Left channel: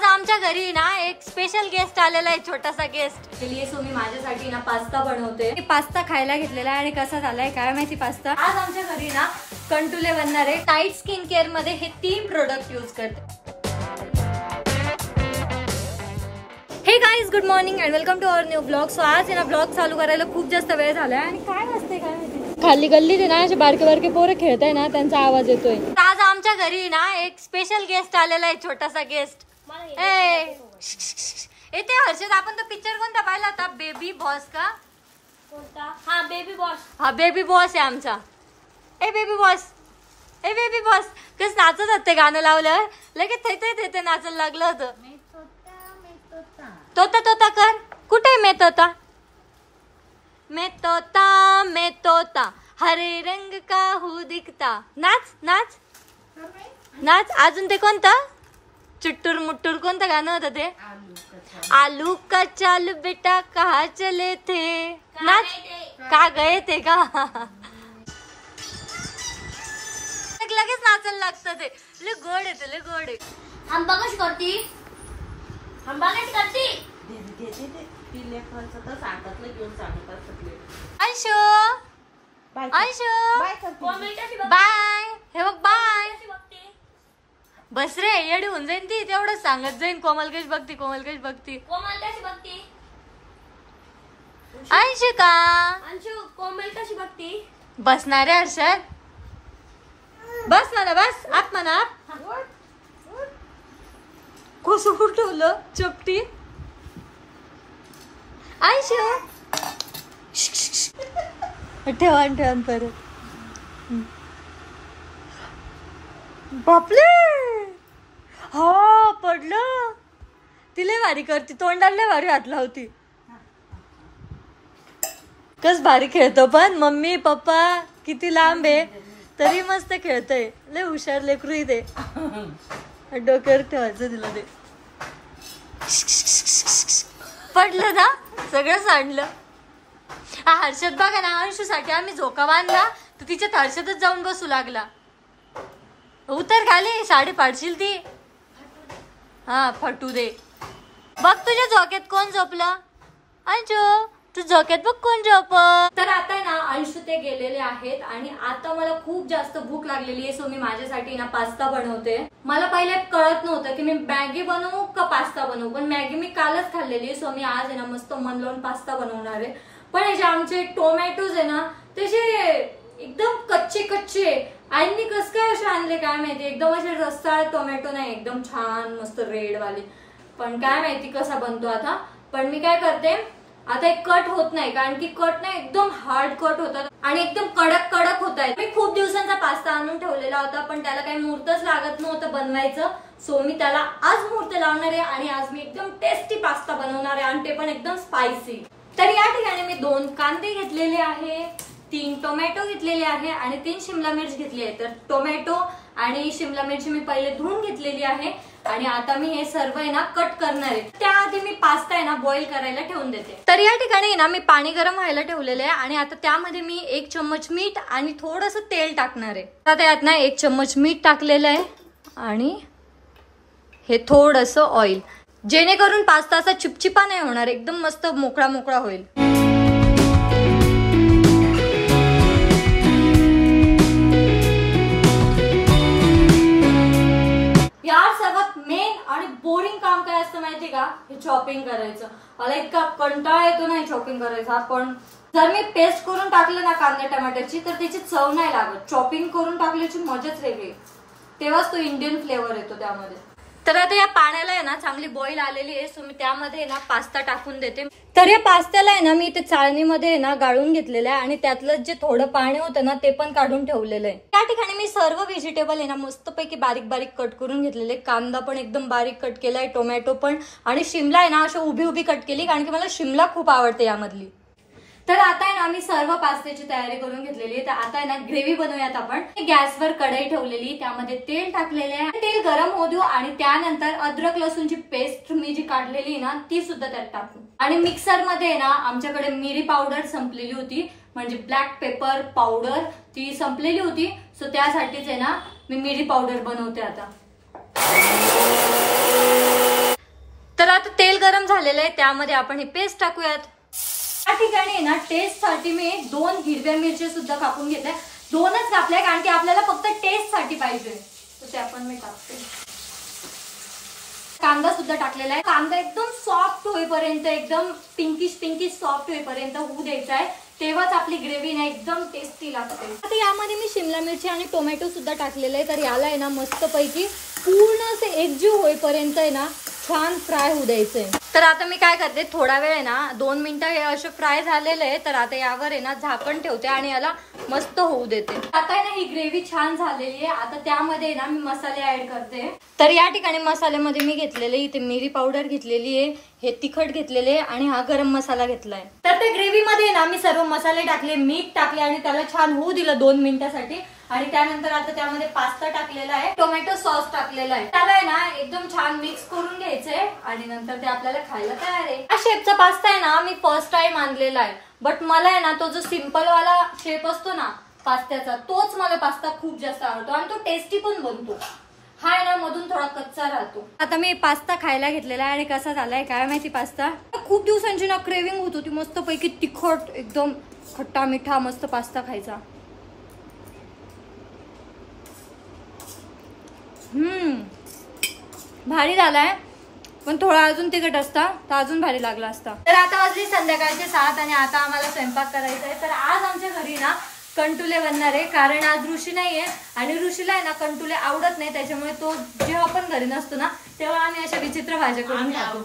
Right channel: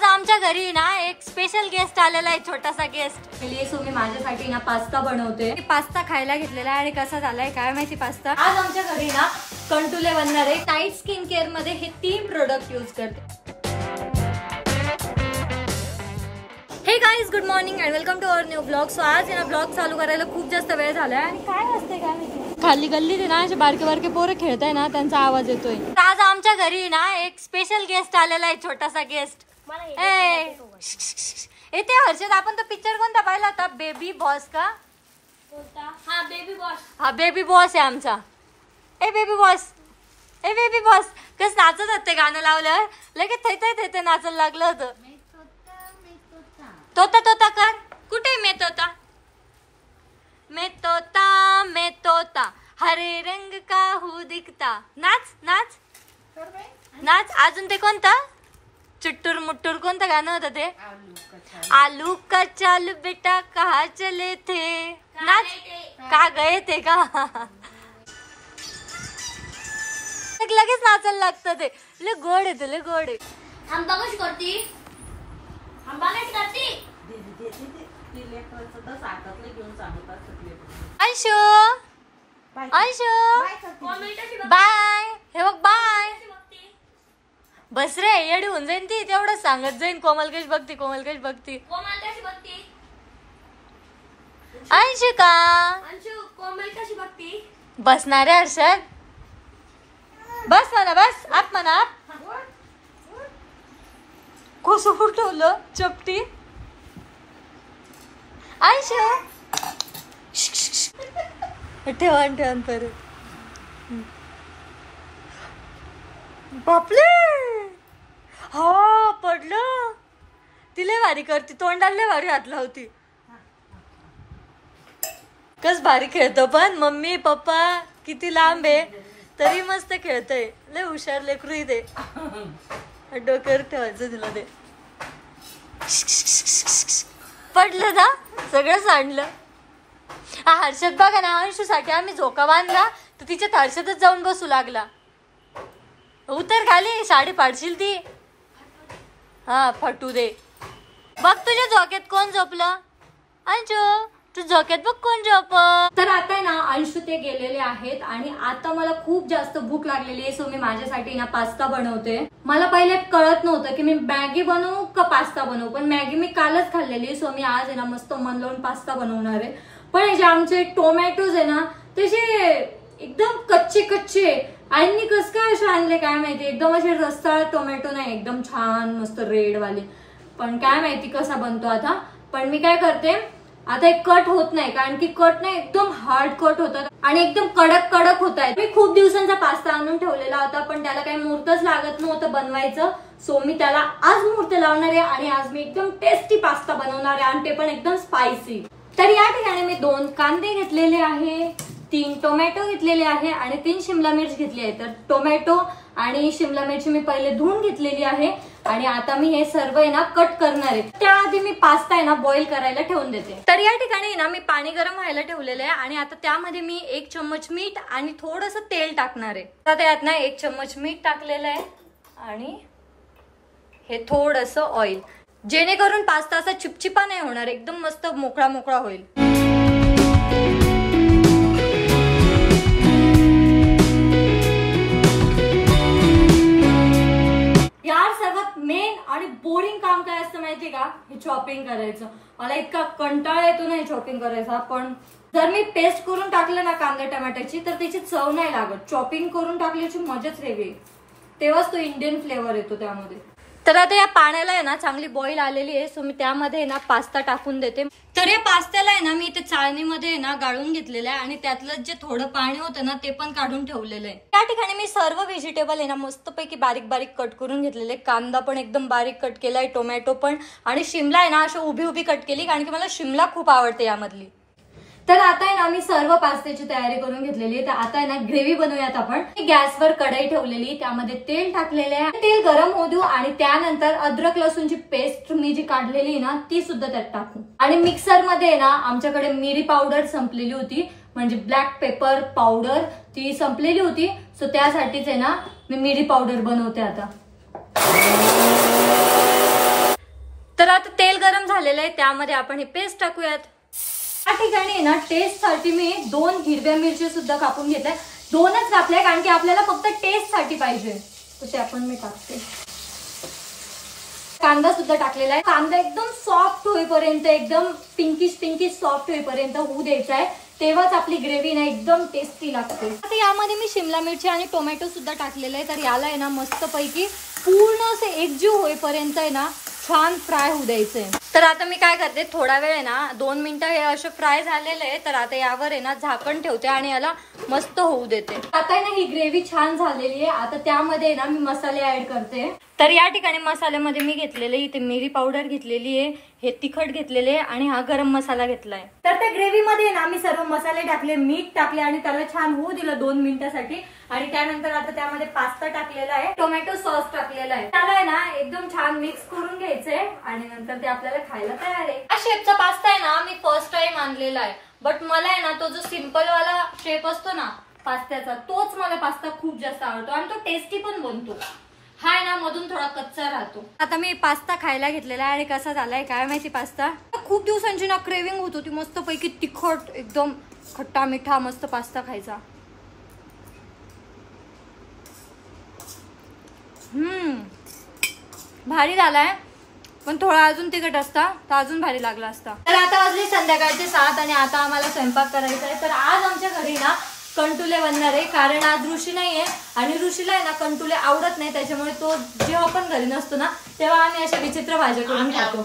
आज आमच्या घरी ना एक स्पेशल गेस्ट आलेला आहे, छोटासा गेस्ट. सो मी माझ्यासाठी ना पास्ता बनवते. पास्ता खायला घेतलेला आहे आणि कसा झालाय काय माहिती पास्ता. आज आमच्या घरी ना कंटुले बनणार आहे. टाईट स्किन केअर मध्ये हे 3 प्रोडक्ट यूज करते. Hey guys, good morning and welcome to our new blog. So आज आहे ना ब्लॉग चालू करायला खूप जास्त वेळ झालाय आणि काय असते काय माहिती खाली गल्लीत ना असे बारके बारके पोरं खेळताय ना, त्यांचा आवाज येतोय. आज आमच्या घरी ना एक स्पेशल गेस्ट आलेला आहे, छोटासा गेस्ट. येते हर्षद. आपण तो पिक्चर कोणता पाहिला होता, बेबी बॉस का? हा बेबी बॉस. हा बेबी बॉस आहे आमचा. ए बेबी बॉस, ए बेबी बॉस. कस नाचत होते, गाणं लावलं लगेच थैते नाचायला लागलं होतं. तोता तोता कर. कुठे मैं तोता, मैं तोता, मैं तोता हरे रंग का हूँ दिखता. नाच नाच नाच. अजून ते कोणतं चुट्टूर मुट्टूर कोणतं गाणं होतं ते? आलू का चालू बेटा कहा चले थे. नाच. का गए थे का? लगेच नाचायला लागतं ते. लय गोड आहे ते, लय गोड आहे. आंबा कशी करती? आंबा कशी करती? अंशू अंशू बाय. हे बघ बाय. बस रे, येडी होऊन जाईन ती. तेवढंच सांगत जाईन. कोमल कशी बघती, कोमल कशी बघती. अंशू का? अंशू कोमल कशी बघती? बसणार आहे हर्षद. बस म्हणा, बस. आप म्हणा, आप. कसं ठेवलं चपटी. अंशू ठेवान ठेवान परत. बापले. हो पडलं. तिला भारी करती, तोंडाला भारी हात लावती. कस भारी खेळतो पण. मम्मी पप्पा किती लांब आहे तरी मस्त खेळतय. लय हुशार लेकरू ते. डोक्यावर ठेवायचं तिला ते. पडलं ना, सगळं सांडलं. हा हर्षद बघा ना, अंशू साठी आम्ही झोका बांधला तर तिच्यात हर्षदच जाऊन बसू लागला. उतर खाली, साडी पाडशील ती. हा फटू दे. बघ तुझ्या झोक्यात कोण झोपलं. अंशू तू झोक्यात बघ कोण झोप. तर आता ना अंशू ते गेलेले आहेत आणि आता मला खूप जास्त भूक लागलेली आहे. सो मी माझ्यासाठी ना पास्ता बनवते. मला पहिले कळत नव्हतं की मी मॅगी बनवू का पास्ता बनवू, पण मॅगी मी कालच खाल्लेली. सो मी आज आहे ना मस्त मन लावून पास्ता बनवणार आहे. पण जे आमचे टोमॅटोज आहे ना त्याचे एकदम कच्चे कच्चे. आईंनी कस काय असे आणले काय माहिती. एकदम असे रस्साळ टोमॅटो नाही, एकदम छान मस्त रेड वाले. पण काय माहिती कसा बनतो आता. पण मी काय करते आता, एक कट होत नाही कारण की कट नाही एकदम हार्ड कट होतात आणि एकदम कडक कडक होत आहेत. मी खूप दिवसांचा पास्ता आणून ठेवलेला होता पण त्याला काही मुहूर्तच लागत नव्हतं बनवायचं. सो मी त्याला आज मुहूर्त लावणार आहे आणि आज मी एकदम टेस्टी पास्ता बनवणार आहे आणि ते पण एकदम स्पायसी. तर या ठिकाणी मी 2 कांदे घेतलेले आहे, 3 टोमॅटो घेतलेले आहे आणि 3 शिमला मिर्च घेतली आहे. तर टोमॅटो आणि शिमला मिरची मी पहिले धुवून घेतलेली आहे आणि आता मी हे सर्व आहे ना कट करणार आहे. त्याआधी मी पास्ता आहे ना बॉईल करायला ठेवून देते. तर या ठिकाणी ना मी पाणी गरम व्हायला ठेवलेलं आहे आणि आता त्यामध्ये मी 1 चम्मच मीठ आणि थोडस तेल टाकणार आहे. आता त्यात ना 1 चम्मच मीठ टाकलेलं आहे आणि हे थोडस ऑइल, जेणेकरून पास्ता असा चिपचिपा नाही होणार, एकदम मस्त मोकळा मोकळा होईल. यार सर्वात मेन आणि बोरिंग काम काय असतं माहिती का, हे चॉपिंग करायचं. मला इतका कंटाळा येतो नाही चॉपिंग करायचा. पण जर मी पेस्ट करून टाकलं ना कांदा टमाट्याची तर त्याची चव नाही लागत. चॉपिंग करून टाकल्याची मजाच वेगळी, तेव्हाच तो इंडियन फ्लेवर येतो त्यामध्ये. तर आता या पाण्याला आहे ना चांगली बॉईल आलेली आहे. सो मी त्यामध्ये ना पास्ता टाकून देते. तर या पास्त्याला आहे ना मी इथे चाळणीमध्ये ना गाळून घेतलेलं आहे आणि त्यातलं जे थोडं पाणी होतं ना ते पण काढून ठेवलेलं आहे. त्या ठिकाणी मी सर्व व्हेजिटेबल आहे ना मस्तपैकी बारीक बारीक कट करून घेतलेले. कांदा पण एकदम बारीक कट केलाय, टोमॅटो पण, आणि शिमला आहे ना अशी उभी उभी कट केली कारण की मला शिमला खूप आवडते यामधली. तर आता आहे ना मी सर्व पास्त्याची तयारी करून घेतलेली आहे. तर आता आहे ना ग्रेव्ही बनवूयात आपण. गॅसवर कढई ठेवलेली, त्यामध्ये तेल टाकलेले आहे. तेल गरम होऊ देऊ आणि त्यानंतर अद्रक लसूणची पेस्ट मी जी काढलेली ना ती सुद्धा त्यात टाकू. आणि मिक्सर मध्ये ना आमच्याकडे मिरी पावडर संपलेली होती, म्हणजे ब्लॅक पेपर पावडर ती संपलेली होती. सो त्यासाठीच आहे ना मी मिरी पावडर बनवते आता. गरम झालेलं आहे त्यामध्ये आपण ही पेस्ट टाकूयात. या ठिकाणी ना टेस्ट साठी मी 2 हिरव्या मिरची सुद्धा कापून घेते. 2च कापल्या कारण की आपल्याला फक्त टेस्ट साठी पाहिजे. तर ते आपण मी टाकते. कांदा सुद्धा टाकलेला आहे. कांदा एकदम सॉफ्ट होईपर्यंत एकदम पिंकिश सॉफ्ट होईपर्यंत होऊ द्यायचा आहे. तेव्हाच आपली ग्रेव्ही ना एकदम टेस्टी लागते. आता यामध्ये मी शिमला मिरची आणि टोमॅटो सुद्धा टाकलेलं आहे. तर याला आहे ना मस्तपैकी पूर्ण असे एकजीव होईपर्यंत आहे ना छान फ्राय होऊ द्यायचंय. तर आता मी काय करते थोडा वेळ आहे ना 2 मिनिटं हे असे फ्राय झालेले आहे. तर आता यावर आहे ना झाकण ठेवते आणि याला मस्त होऊ देते. आता आहे ना ही ग्रेव्ही छान झालेली आहे. आता त्यामध्ये ना मी मसाले ऍड करते. तर या ठिकाणी मसाल्यामध्ये मी घेतलेले इथे मिरी पावडर घेतलेली आहे, हे तिखट घेतलेले आणि हा गरम मसाला घेतलाय. तर त्या ग्रेव्ही मध्ये ना मी सर्व मसाले टाकले, मीठ टाकले आणि त्याला छान होऊ दिलं 2 मिनिटासाठी. आणि त्यानंतर आता त्यामध्ये पास्ता टाकलेला आहे, टोमॅटो सॉस टाकलेला आहे. त्याला आहे ना एकदम छान मिक्स करून घ्यायचंय आणि नंतर ते आपल्याला खायला तयार आहे. हा शेपचा पास्ता आहे ना मी फर्स्ट टाइम आणलेला आहे. बट मला आहे ना तो जो सिंपल वाला शेप असतो ना पास्त्याचा तोच मला पास्ता खूप जास्त आवडतो आणि तो टेस्टी पण बनतो. हा आहे ना मधून थोडा कच्चा राहतो. आता मी पास्ता खायला घेतलेला आहे आणि कसा झालाय काय माहिती. पास्ता खूप दिवसांची ना क्रेविंग होत होती मस्त पैकी तिखट एकदम खट्टा मिठा मस्त पास्ता खायचा. भारी झालाय पण थोडा अजून तिखट असता तर अजून भारी लागला असता. तर आता वाजली संध्याकाळचे 7 आणि आता आम्हाला स्वयंपाक करायचा आहे. तर आज आमच्या घरी ना कंटुले बनणार आहे कारण आज ऋषी नाहीये आणि ऋषीला आहे ना कंटुले आवडत नाही. त्याच्यामुळे तो जेव्हा पण घरी नसतो ना तेव्हा आम्ही अशा विचित्र भाज्या करून खातो.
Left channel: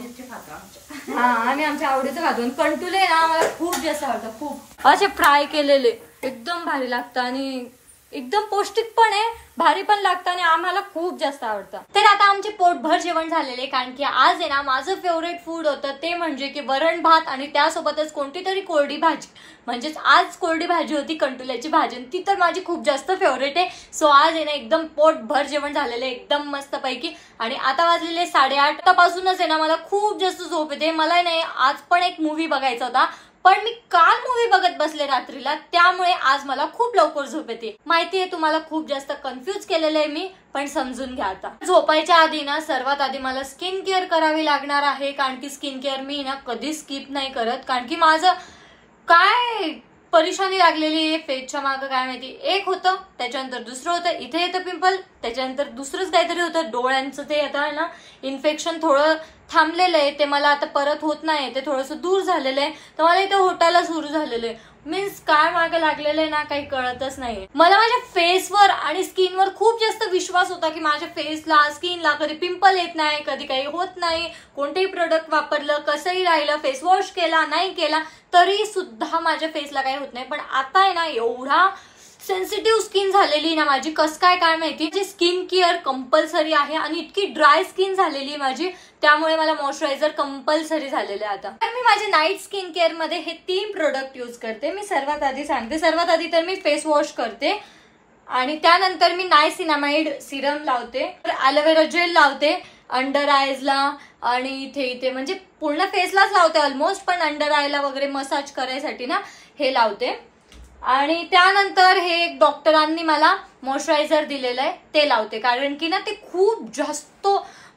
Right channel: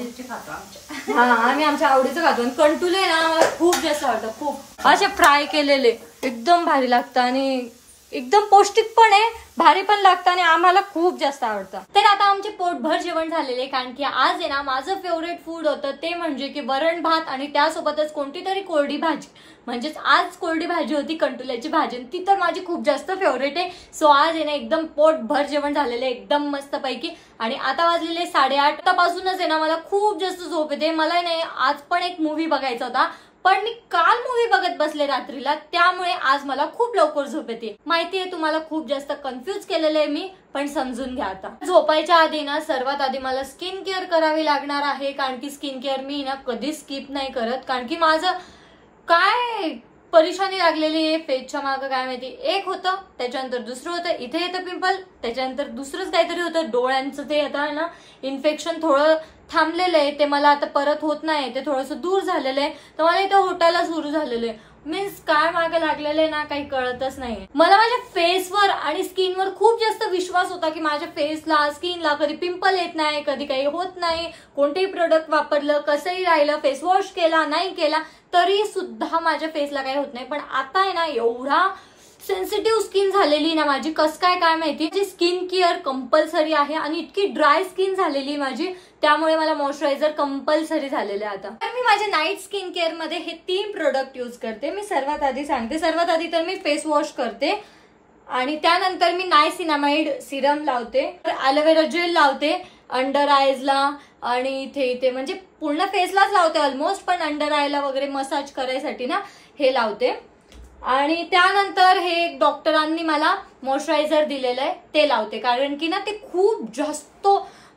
हा आम्ही आमच्या आवडीचं खातो. आणि कंटुले ना मला खूप जास्त आवडतं. खूप असे फ्राय केलेले एकदम भारी लागतं आणि एकदम पौष्टिक पण आहे, भारी पण लागतं आणि आम्हाला खूप जास्त आवडतं. तर आता आमचे पोटभर जेवण झालेले कारण की आज आहे ना माझं फेवरेट फूड होतं ते म्हणजे की वरण भात आणि त्यासोबतच कोणती तरी कोरडी भाजी. म्हणजेच आज कोरडी भाजी होती कंटुल्याची भाजी. ती तर माझी खूप जास्त फेवरेट आहे. सो आज आहे ना एकदम पोटभर जेवण झालेलं एकदम मस्त पैकी. आणि आता वाजलेले 8:30 पासूनच आहे ना मला खूप जास्त झोप येते. मला नाही आज पण एक मूवी बघायचा होता पण मी काल मूवी बघत बसले रात्रीला त्यामुळे आज मला खूप लवकर झोप येते. माहितीये तुम्हाला खूप जास्त कन्फ्युज केलेलं आहे मी पण समजून घ्या. आता झोपायच्या आधी ना सर्वात आधी मला स्किन केअर करावी लागणार आहे कारण की स्किन केअर मी ना कधी स्किप नाही करत. कारण की माझं काय परेशानी लागलेली आहे फेसच्या मागं काय माहिती. एक होतं त्याच्यानंतर दुसरं होतं, इथे येतं पिंपल, त्याच्यानंतर दुसरंच काहीतरी होतं डोळ्यांचं ते आता ना इन्फेक्शन थोडं थांबलेलं आहे ते मला आता परत होत नाही, ते थोडंसं दूर झालेलं आहे. तर मला इथं होटायला सुरू झालेलं आहे. मीन्स काय मागे लागलेलं आहे ना काही कळतच नाही. मला माझ्या फेसवर आणि स्किनवर खूप जास्त विश्वास होता की माझ्या फेसला स्किनला कधी पिंपल येत नाही, कधी काही होत नाही. कोणतेही प्रोडक्ट वापरलं कसंही राहिलं, फेस वॉश केला नाही केला तरी सुद्धा माझ्या फेसला काही होत नाही. पण आता आहे ना एवढा सेन्सिटिव्ह स्किन झालेली ना माझी कस काय माहिती. जी स्किन केअर कंपल्सरी आहे आणि इतकी ड्राय स्किन झालेली माझी त्यामुळे मला मॉइश्चरायझर कंपल्सरी झालेलं आहे आता. तर मी माझ्या नाईट स्किन केअर मध्ये हे 3 प्रोडक्ट यूज करते. मी सर्वात आधी सांगते, सर्वात आधी तर मी फेस वॉश करते आणि त्यानंतर मी नायसिनामाइड सिरम लावते, ॲलोवेरा जेल लावते अंडर आयजला आणि इथे म्हणजे पूर्ण फेसलाच लावते ऑलमोस्ट, पण अंडर आयला वगैरे मसाज करायसाठी ना हे लावते. आणि त्यानंतर हे एक डॉक्टरांनी मला मॉइश्चरायझर दिलेलं आहे ते लावते कारण की ना ते खूप जास्त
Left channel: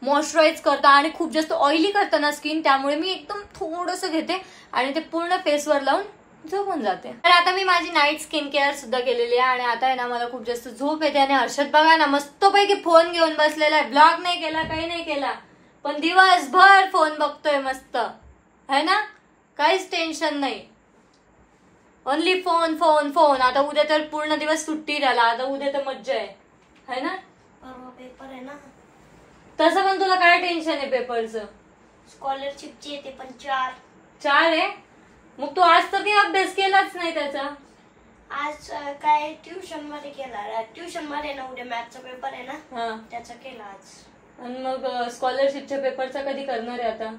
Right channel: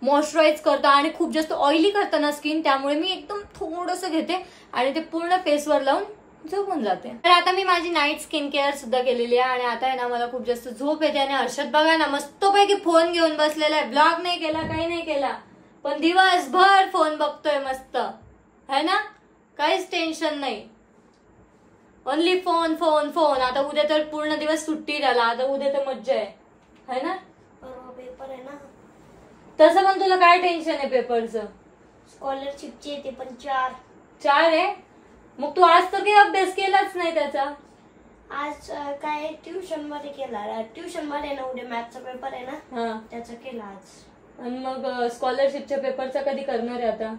मॉइश्चराईज करतं आणि खूप जास्त ऑइली करतं ना स्किन. त्यामुळे मी एकदम थोडंसं घेते आणि ते पूर्ण फेसवर लावून झोपून जाते. तर आता मी माझी नाईट स्किन केअर सुद्धा केलेली आहे आणि आता आहे ना मला खूप जास्त झोप येते. आणि हर्षद बघा ना मस्तपैकी फोन घेऊन बसलेला आहे, ब्लॉग नाही केला काही नाही केला पण दिवसभर फोन बघतोय मस्त है ना, काहीच टेन्शन नाही, ओनली फोन फोन फोन. आता उद्या तर पूर्ण दिवस सुट्टी झाला, आता उद्या तर मज्जा आहे ना. पेपर आहे ना तसं पण तुला काय टेन्शन आहे पेपरचं. स्कॉलरशिपची ते पण 4 आहे. मग तू आज तर काही अभ्यास केलाच नाही त्याचा. आज काय ट्युशन मध्ये केला. ट्युशन मध्ये ना उद्या मॅथचा पेपर आहे ना त्याचा केला आज. आणि मग स्कॉलरशिपच्या पेपरचा कधी करणार आहे आता.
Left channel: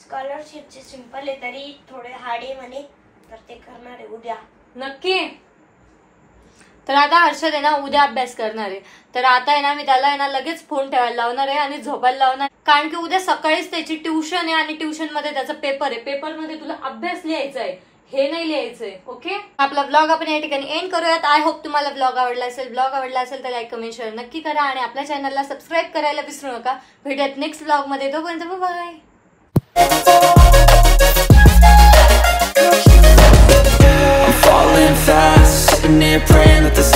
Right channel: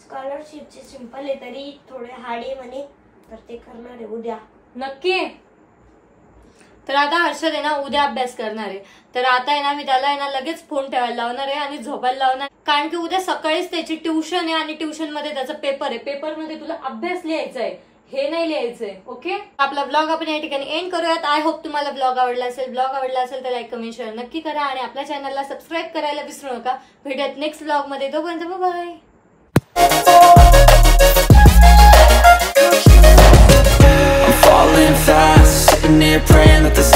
स्कॉलरशिपचे सिंपल आहे तरी थोडे हार्ड आहे म्हणे तर ते करणार आहे उद्या नक्की. तर आता हर्षद आहे ना उद्या अभ्यास करणार आहे. तर आता आहे ना मी त्याला आहे ना लगेच फोन ठेवायला लावणार आहे आणि झोपायला लावणार कारण की उद्या सकाळीच त्याची ट्युशन आहे आणि ट्युशन मध्ये त्याचा पेपर आहे. पेपर मध्ये तुला अभ्यास लिहायचा आहे, हे नाही लिहायचंय. ओके, आपला ब्लॉग आपण या ठिकाणी एंड करूयात. आय होप तुम्हाला ब्लॉग आवडला असेल. ब्लॉग आवडला असेल तर लाईक कमेंट शेअर नक्की करा आणि आपल्या चॅनलला सबस्क्राईब करायला विसरू नका. भेटूयात नेक्स्ट ब्लॉग मध्ये. तोपर्यंत bye. sitting there praying that the